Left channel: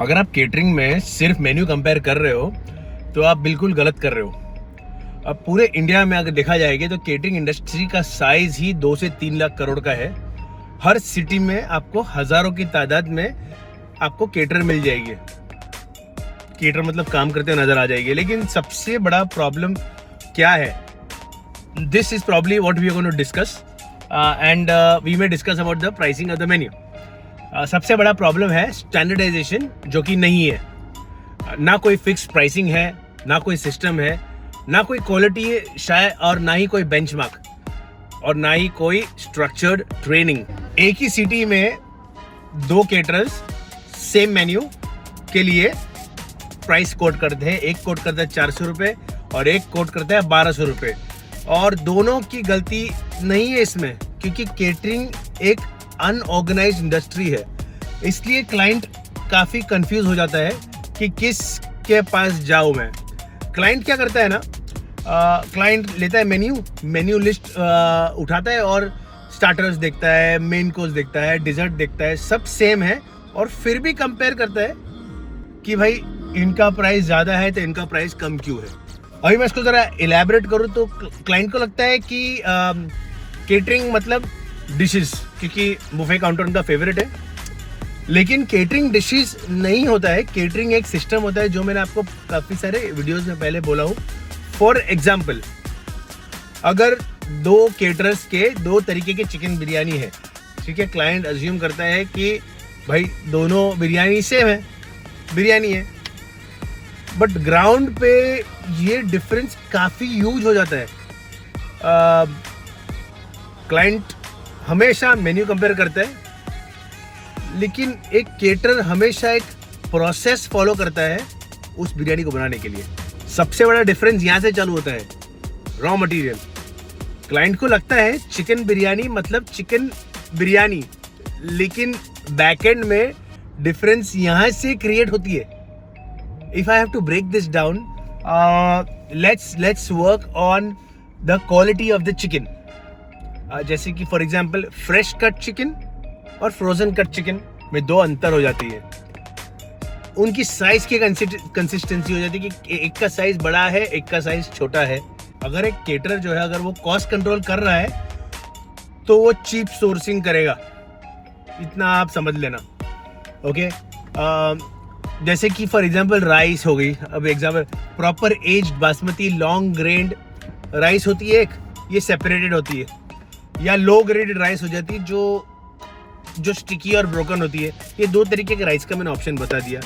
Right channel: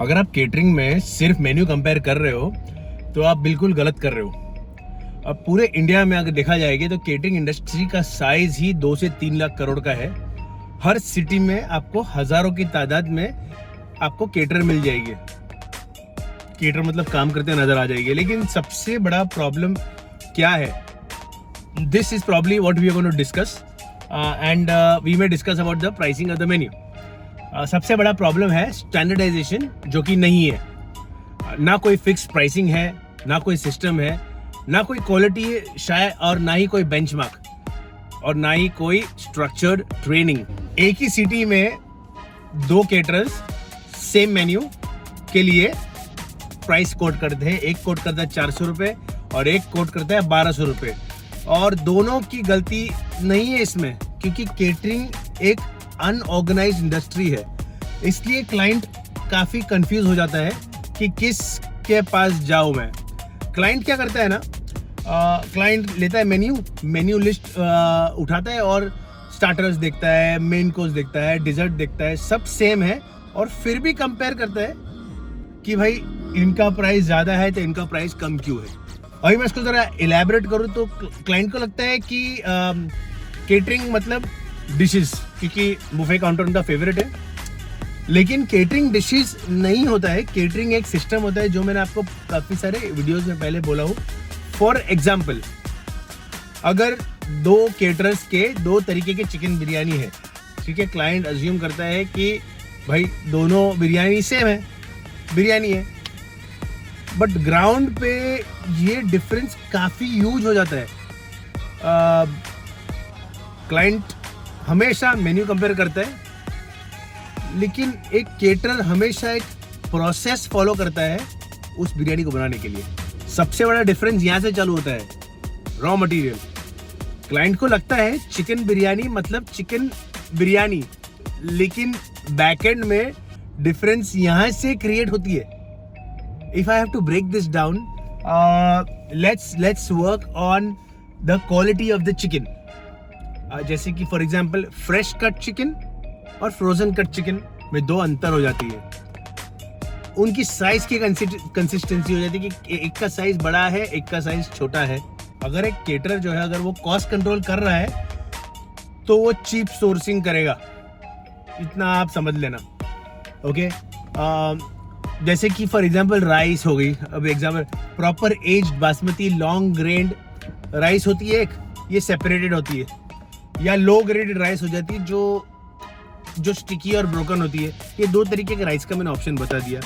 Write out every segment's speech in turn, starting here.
अगर आप केटरिंग में सिर्फ मेन्यू कंपेयर कर रहे हो तो आप बिल्कुल गलत कर रहे हो। अब पूरे इंडिया में अगर देखा जाएगा तो केटरिंग इंडस्ट्री का साइज ही 2 से 3 लाख करोड़ का है। हर सिटी में आपको हजारों की तादाद में आपको केटर मिल जाएगी। केटर मतलब काम करते नजर आ जाएगी। लेकिन सबसे बड़ा प्रॉब्लम क्या है? This is probably what we are going to discuss and we may discuss about the pricing of the menu. सबसे बड़ा प्रॉब्लम है स्टैंडर्डाइजेशन, जो कि नहीं है। ना कोई फिक्स प्राइसिंग है, ना कोई सिस्टम है, ना कोई क्वालिटी है शायद, और ना ही कोई बेंचमार्क, और ना ही कोई स्ट्रक्चर्ड ट्रेनिंग। एक ही सिटी में 2 केटरर्स सेम मेन्यू के लिए प्राइस कोट करते हैं। एक कोट करता है 400 रुपए और एक कोट करता है 1200 रुपए, और दोनों की गलती नहीं है इसमें, क्योंकि केटरिंग एक अनऑर्गेनाइज्ड इंडस्ट्री है। इसलिए क्लाइंट काफी कंफ्यूज हो जाता है कि किस के पास जाऊं मैं। क्लाइंट क्या करता है ना, क्लाइंट लेता है मेन्यू लिस्ट उठाता है और स्टार्टर्स देखता है, मेन कोर्स देखता है, डिजर्ट देखता है, सब सेम है, और फिर भी कंपेयर करता है कि भाई इनका प्राइस ज्यादा है तो इनका प्राइस कम क्यों है। अभी मैं इसको जरा इलैबोरेट करूं तो क्लाइंट को लगता है कि केटरिंग मतलब डिशेस, क्योंकि बुफे काउंटर उनका फेवरेट है। लेकिन केटरिंग डिशेस नहीं होता है। केटरिंग एक सिस्टम होता है, जो मैंने आपको काफी सारे वीडियोस में पहले बोला हूं। फॉर एग्जाम्पल, अगर 2 केटरर्स के 2 तरीके की चिकन बिरयानी है, ठीक है, क्लाइंट अज्यूम करता है कि भाई दोनों बिरयानी सेम है, बिरयानी है, बट ग्राउंड पे ये डिफरेंस काफी ह्यूज हो जाता है। क्लाइंट हमेशा मेन्यू कंपेयर करता है, लेकिन एक केटर हमेशा एक प्रोसेस फॉलो करता है उस बिरयानी को बनाने के लिए। सबसे बड़ा डिफरेंस यहां से चालू होता है, रॉ मटेरियल। क्लाइंट को लगता है चिकन बिरयानी मतलब चिकन बिरयानी, लेकिन बैकएंड में डिफरेंस यहां से क्रिएट होती है। If I have to break this down, let's work on the quality of the chicken. जैसे कि for example fresh cut chicken और फ्रोजन कट चिकन में 2 अंतर हो जाती है। उनकी साइज की कंसिस्टेंसी हो जाती है कि एक का साइज बड़ा है, एक का साइज छोटा है। अगर एक केटर जो है, अगर वो कॉस्ट कंट्रोल कर रहा है तो वो चीप सोर्सिंग करेगा, इतना आप समझ लेना। ओके, जैसे कि फॉर एग्जांपल राइस हो गई। अब example proper aged basmati long grand rice होती है एक, ये सेपरेटेड होती है, या लो ग्रेडेड राइस हो जाती है जो स्टिकी और ब्रोकन होती है। ये 2 तरीके के राइस का मैंने ऑप्शन बता दिया।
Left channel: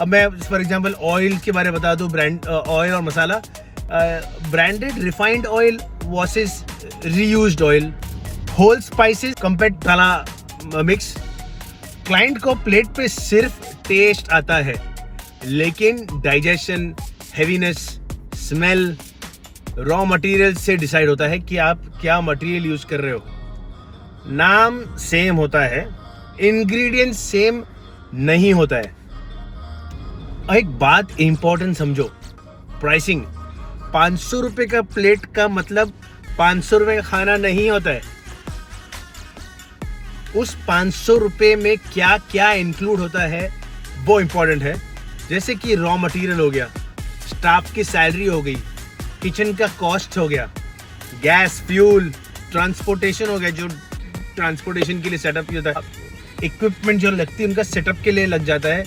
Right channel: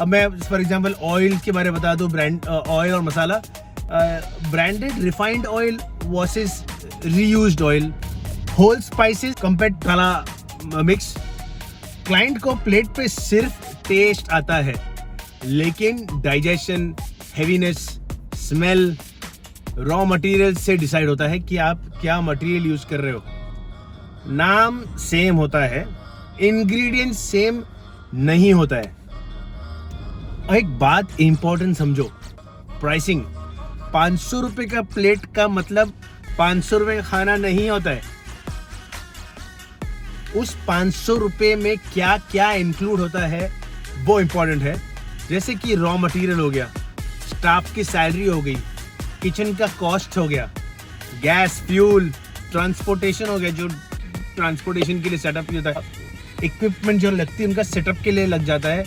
अब मैं फॉर एग्जांपल ऑयल के बारे में बता दूं, ब्रांड ऑयल और masala. Branded refined oil versus reused oil, whole spices compared masala mix. Client को प्लेट पे सिर्फ टेस्ट आता है, लेकिन digestion, heaviness, smell raw material से डिसाइड होता है कि आप क्या मटेरियल यूज कर रहे हो। नाम सेम होता है, इंग्रेडिएंट सेम नहीं होता है। एक बात इंपॉर्टेंट समझो, प्राइसिंग। 500 रुपए का प्लेट का मतलब 500 रुपए का खाना नहीं होता है। उस 500 रुपए में क्या क्या इंक्लूड होता है वो इंपॉर्टेंट है। जैसे कि रॉ मटेरियल हो गया, स्टाफ की सैलरी हो गई, किचन का कॉस्ट हो गया, गैस, फ्यूल, ट्रांसपोर्टेशन हो गया, जो ट्रांसपोर्टेशन के लिए सेटअप होता है, इक्विपमेंट जो लगती है उनका सेटअप के लिए लग जाता है,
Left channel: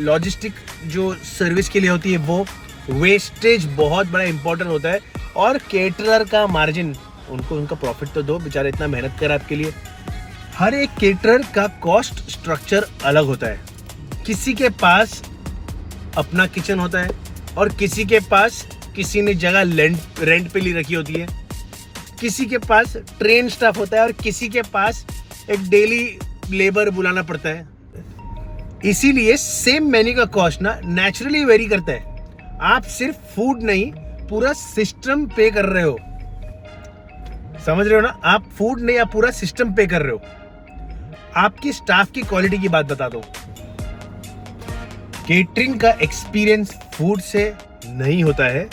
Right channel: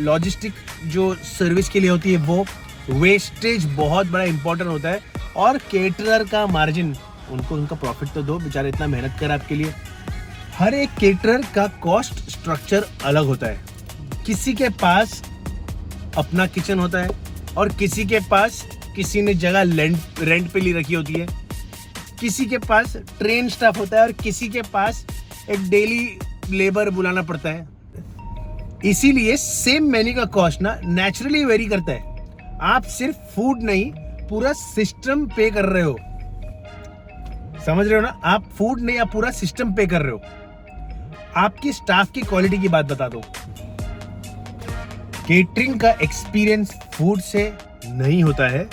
लॉजिस्टिक जो सर्विस के लिए होती है वो, वेस्टेज बहुत बड़ा इंपॉर्टेंट होता है, और केटरर का मार्जिन, उनको उनका प्रॉफिट तो दो, बेचारे इतना मेहनत कर आपके लिए। हर एक केटरर का कॉस्ट स्ट्रक्चर अलग होता है। किसी के पास अपना किचन होता है, और किसी के पास किसी ने जगह रेंट पे ली रखी होती है, किसी के पास ट्रेन स्टाफ होता है, और किसी के पास एक डेली लेबर बुलाना पड़ता है। इसीलिए सेम मेन्यू का कॉस्ट ना नेचुरली वेरी करता है। आप सिर्फ फूड नहीं, पूरा सिस्टम पे कर रहे हो। समझ रहे हो ना? आप फूड नहीं, आप पूरा सिस्टम पे कर रहे हो। आपकी स्टाफ की क्वालिटी की बात बता दो। केटरिंग का एक्सपीरियंस फूड से नहीं होता है,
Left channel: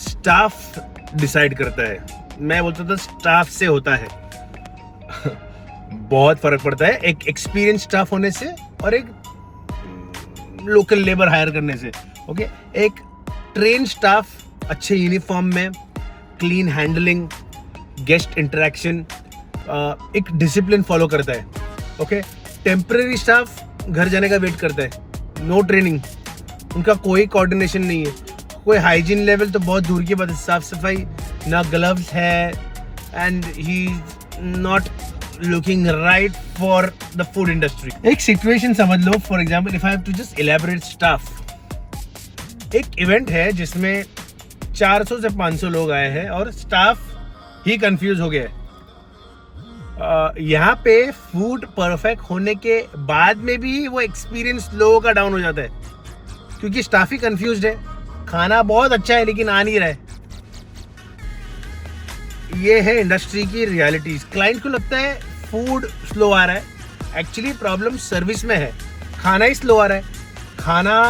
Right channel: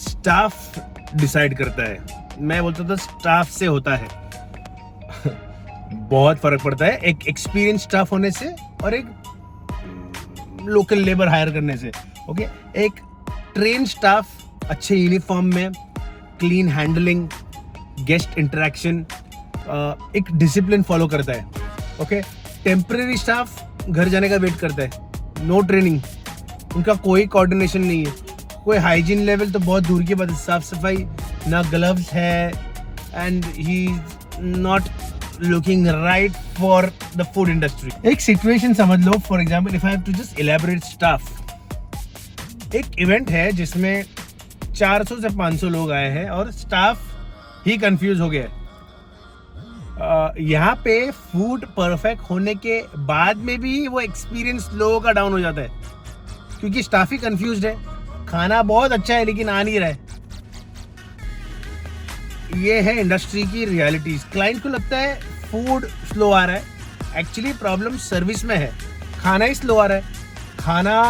स्टाफ डिसाइड करता है। मैं बोलता था स्टाफ से होता है। बहुत फर्क पड़ता है एक एक्सपीरियंस स्टाफ होने से और एक लोकल लेबर हायर करने से। ओके, एक ट्रेन स्टाफ अच्छे यूनिफॉर्म में, क्लीन हैंडलिंग, गेस्ट इंटरेक्शन, एक डिसिप्लिन फॉलो करता है। ओके, टेम्पररी स्टाफ घर जाने का वेट करता है, नो ट्रेनिंग, उनका कोई कोऑर्डिनेशन नहीं है, कोई हाइजीन लेवल तो बहुत दूर की बात है, साफ सफाई ना, ग्लव्स है, and he not looking right for the food industry. एक सिचुएशन समझ लो, for example if I have to just elaborate staff. एक इवेंट है जिसमें 400 से 500 लोग आए हैं और स्टाफ ही कंफ्यूज हो गए। यहाँ पे फूड परफेक्ट होने के बाद में भी वो एक्सपीरियंस लोगों का डाउन हो जाता है, क्योंकि स्टाफ ही कंफ्यूज्ड है। खाना बहुत अच्छा है लेकिन आ नहीं रहा है। ये है इंडस्ट्री की रियलिटीज। क्लाइंट को लगता है फूड स्लो आ रहा है, एक्चुअली प्रॉब्लम सर्विस में है। खाना ही स्लो आ रहा है, खाना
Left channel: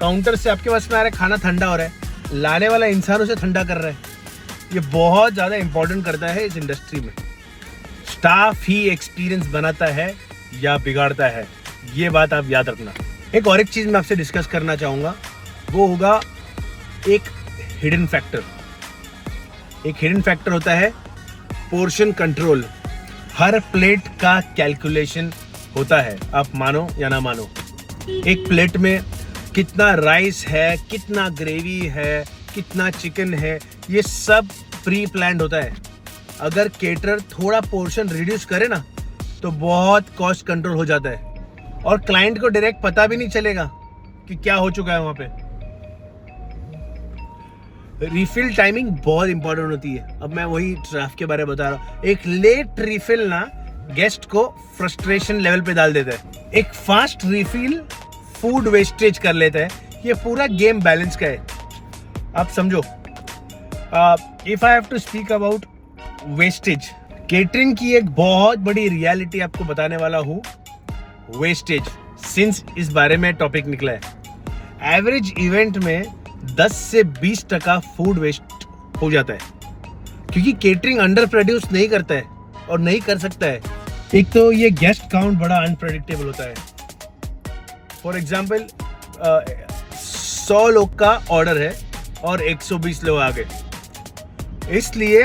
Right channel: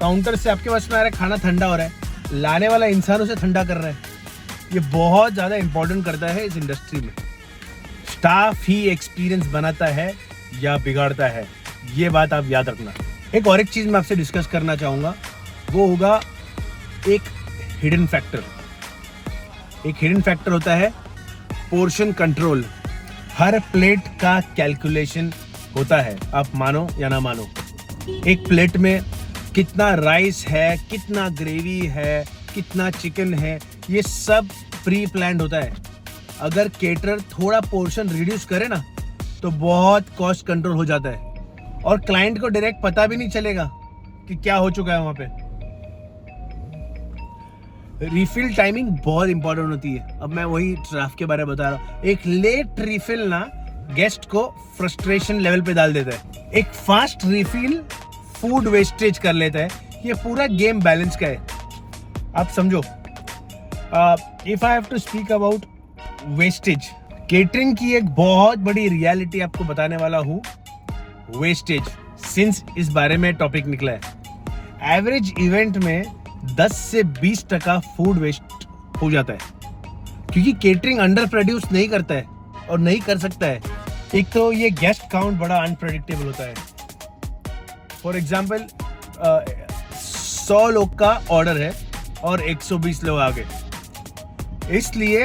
काउंटर से आपके पास में आ रहा है, खाना ठंडा हो रहा है, लाने वाला इंसान उसे ठंडा कर रहा है। ये बहुत ज्यादा इंपॉर्टेंट करता है इस इंडस्ट्री में। स्टाफ ही एक्सपीरियंस बनाता है या बिगाड़ता है, ये बात आप याद रखना। एक चीज मैं आपसे डिस्कस करना चाहूंगा, वो होगा एक हिडन फैक्टर। एक हिडन फैक्टर होता है पोर्शन कंट्रोल। हर प्लेट का कैलकुलेशन होता है, आप मानो या ना मानो। एक प्लेट में कितना राइस है, कितना ग्रेवी है, कितना चिकन है, ये सब प्री प्लान्ड होता है। अगर केटरर थोड़ा पोर्शन रिड्यूस करे ना तो बहुत कॉस्ट कंट्रोल हो जाता है और क्लाइंट को डायरेक्ट पता भी नहीं चलेगा कि क्या हो चुका है वहां पे। रिफिल टाइमिंग बहुत इंपॉर्टेंट होती है। अब मैं वही ट्रैफिक के बारे में बता रहा हूँ। एक लेट रिफिल ना गेस्ट को फ्रस्ट्रेशन लेवल पे डाल देता है, एक फास्ट रिफिल फूड वेस्टेज कर लेता है। ये पूरा गेम बैलेंस का है, आप समझो। If I have to speak about wastage, catering की एक बहुत बड़ी रियलिटी आपको बताने वाला हूँ, वेस्टेज। सिंस इस बारे में टॉपिक निकला है, एवरेज इवेंट में 10 से 20% फूड वेस्ट हो जाता है, क्योंकि केटरिंग अंडर प्रोड्यूस नहीं करता है और नहीं कर सकता है। एक तो ये गेस्ट काउंट बड़ा अनप्रेडिक्टेबल होता है। फॉर एग्जाम्पल 100 लोग का ऑर्डर है और 120 लोग आ गए, इसलिए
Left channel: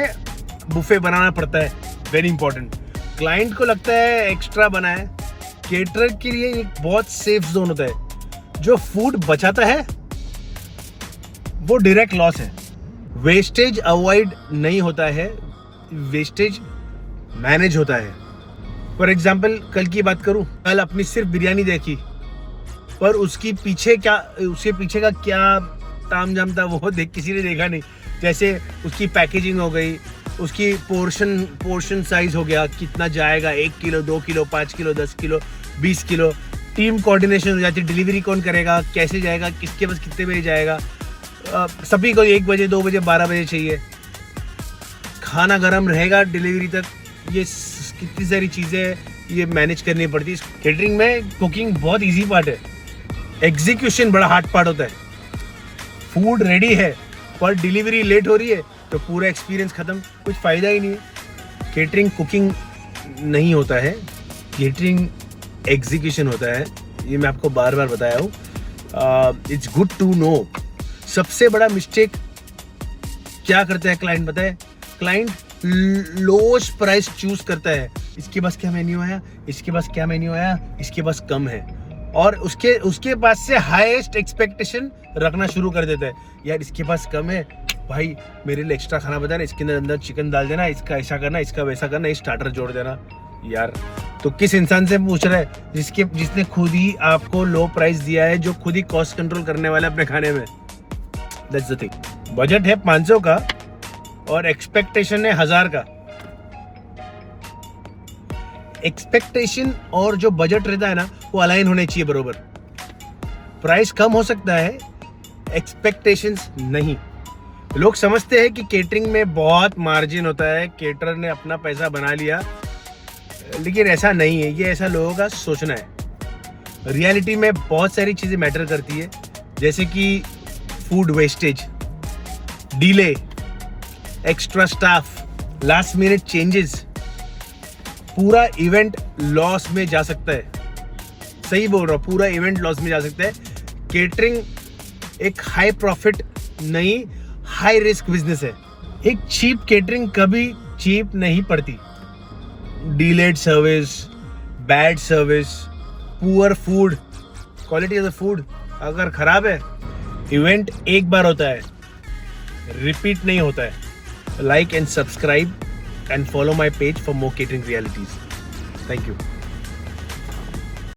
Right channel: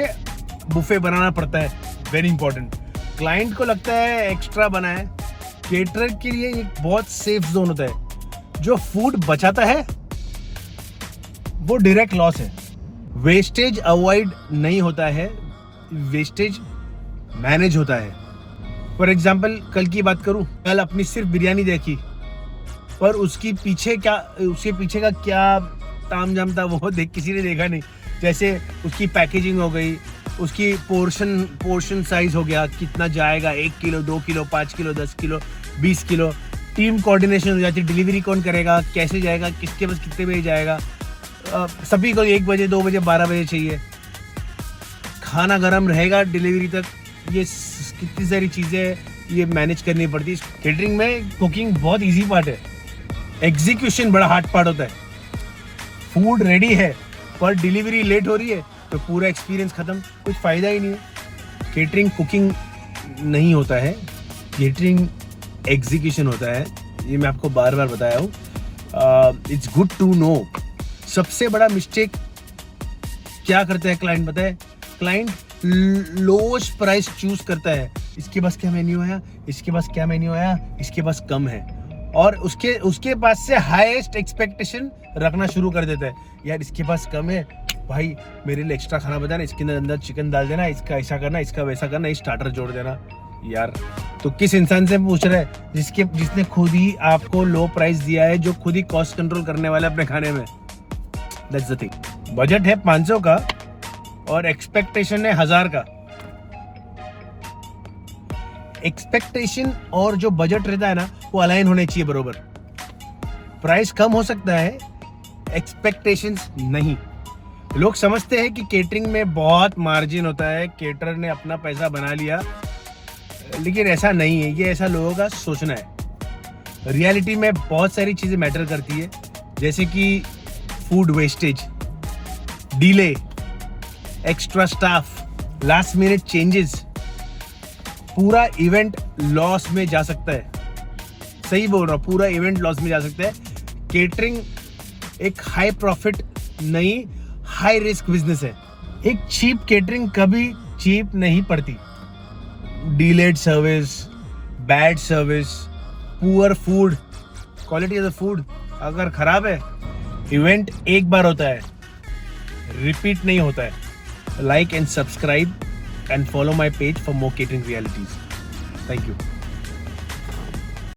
बुफे बनाना पड़ता है। Very important. क्लाइंट को लगता है एक्स्ट्रा बना है, केटरर के लिए एक बहुत सेफ जोन होता है। जो फूड बचाता है वो डायरेक्ट लॉस है। वेस्टेज अवॉइड नहीं होता है, वेस्टेज मैनेज होता है। फॉर एग्जाम्पल कल की बात करूं, कल अपनी सिर्फ बिरयानी देखी, पर उसके पीछे का क्या तामझाम था वो किसी ने देखा नहीं। जैसे उसकी पैकेजिंग हो गई, उसकी पोर्शन साइज हो गया, कितना जाएगा, 1 kilo, 2 kilo, 5 kilo, 10 kilo, 20 kilo. Team coordination हो जाती है, डिलीवरी कौन करेगा, कैसे जाएगा, किसके पास कितने बजे जाएगा। सभी को 1 बजे, 2 बजे, 12 बजे चाहिए, खाना गर्म रहेगा डिलीवरी तक। ये कितनी सारी चीजें ये मैनेज करनी पड़ती है। केटरिंग में कुकिंग बहुत इजी पार्ट है, एग्जीक्यूशन बड़ा हार्ड पार्ट होता है। फूड रेडी है पर डिलीवरी लेट हो रही है तो पूरा एक्सपीरियंस खत्म, कुछ फायदा ही नहीं है। केटरिंग कुकिंग नहीं होता है, केटरिंग एग्जीक्यूशन होता है। ये मैं आपको बार बार बताया हूँ। It's good to know. सबसे बड़ा मिस्टेक क्या करता है क्लाइंट, बताए? क्लाइंट लोएस्ट प्राइस चूज करता है। इसके पास क्या मेन्यू आया, इसके पास क्या मेन्यू आया, इसके पास कम है, और उसके पास से हाईएस्ट एक्सपेक्टेशन रखना शुरू कर देता है। यार इसके पास कम है, भाई मेरे लिए एक्स्ट्रा खाना बता, इसके अंदर चिकन डाल देना, इसका ऐसा करना, इसका वैसा करना, स्टार्टर जोड़ देना। यार तो किस इंसान से पूछ रहा है? जिसने खुद ही आपको लो प्राइस दिया है, जो खुद ही कॉस्ट कंट्रोल करने वाला है अपने खाने में। That's the thing. बजट है 500 का और एक्सपेक्टेशन है 1000 का। एक्सपेक्टेशन और जो बजट रहता है ना, वो अलाइन होने चाहिए बरोबर। प्राइस कम हो सकता है, एक्सपेक्टेशंस नहीं। लोग समझते हैं कि केटरिंग में बहुत मार्जिन होता है, केटरर ने अपना पैसा बना लिया, लेकिन ऐसा नहीं है। ये ऐसा लोगों का सोचना है। रियलिटी में बहुत सारी चीजें मैटर करती है, जैसे कि food wastage, delay, extra staff, last minute changes. पूरा इवेंट लॉस में जा सकता है। सही बोल रहा हूँ, पूरा इवेंट लॉस में जा सकता है। केटरिंग एक हाई प्रॉफिट नहीं, हाई रिस्क बिजनेस है। एक चीप केटरिंग कभी चीप नहीं पड़ती। Delayed service, bad service, poor food, quality of the food अगर खराब है, इवेंट एक बार होता है, रिपीट नहीं होता है। Like and subscribe and follow my page for more catering realities. Thank you.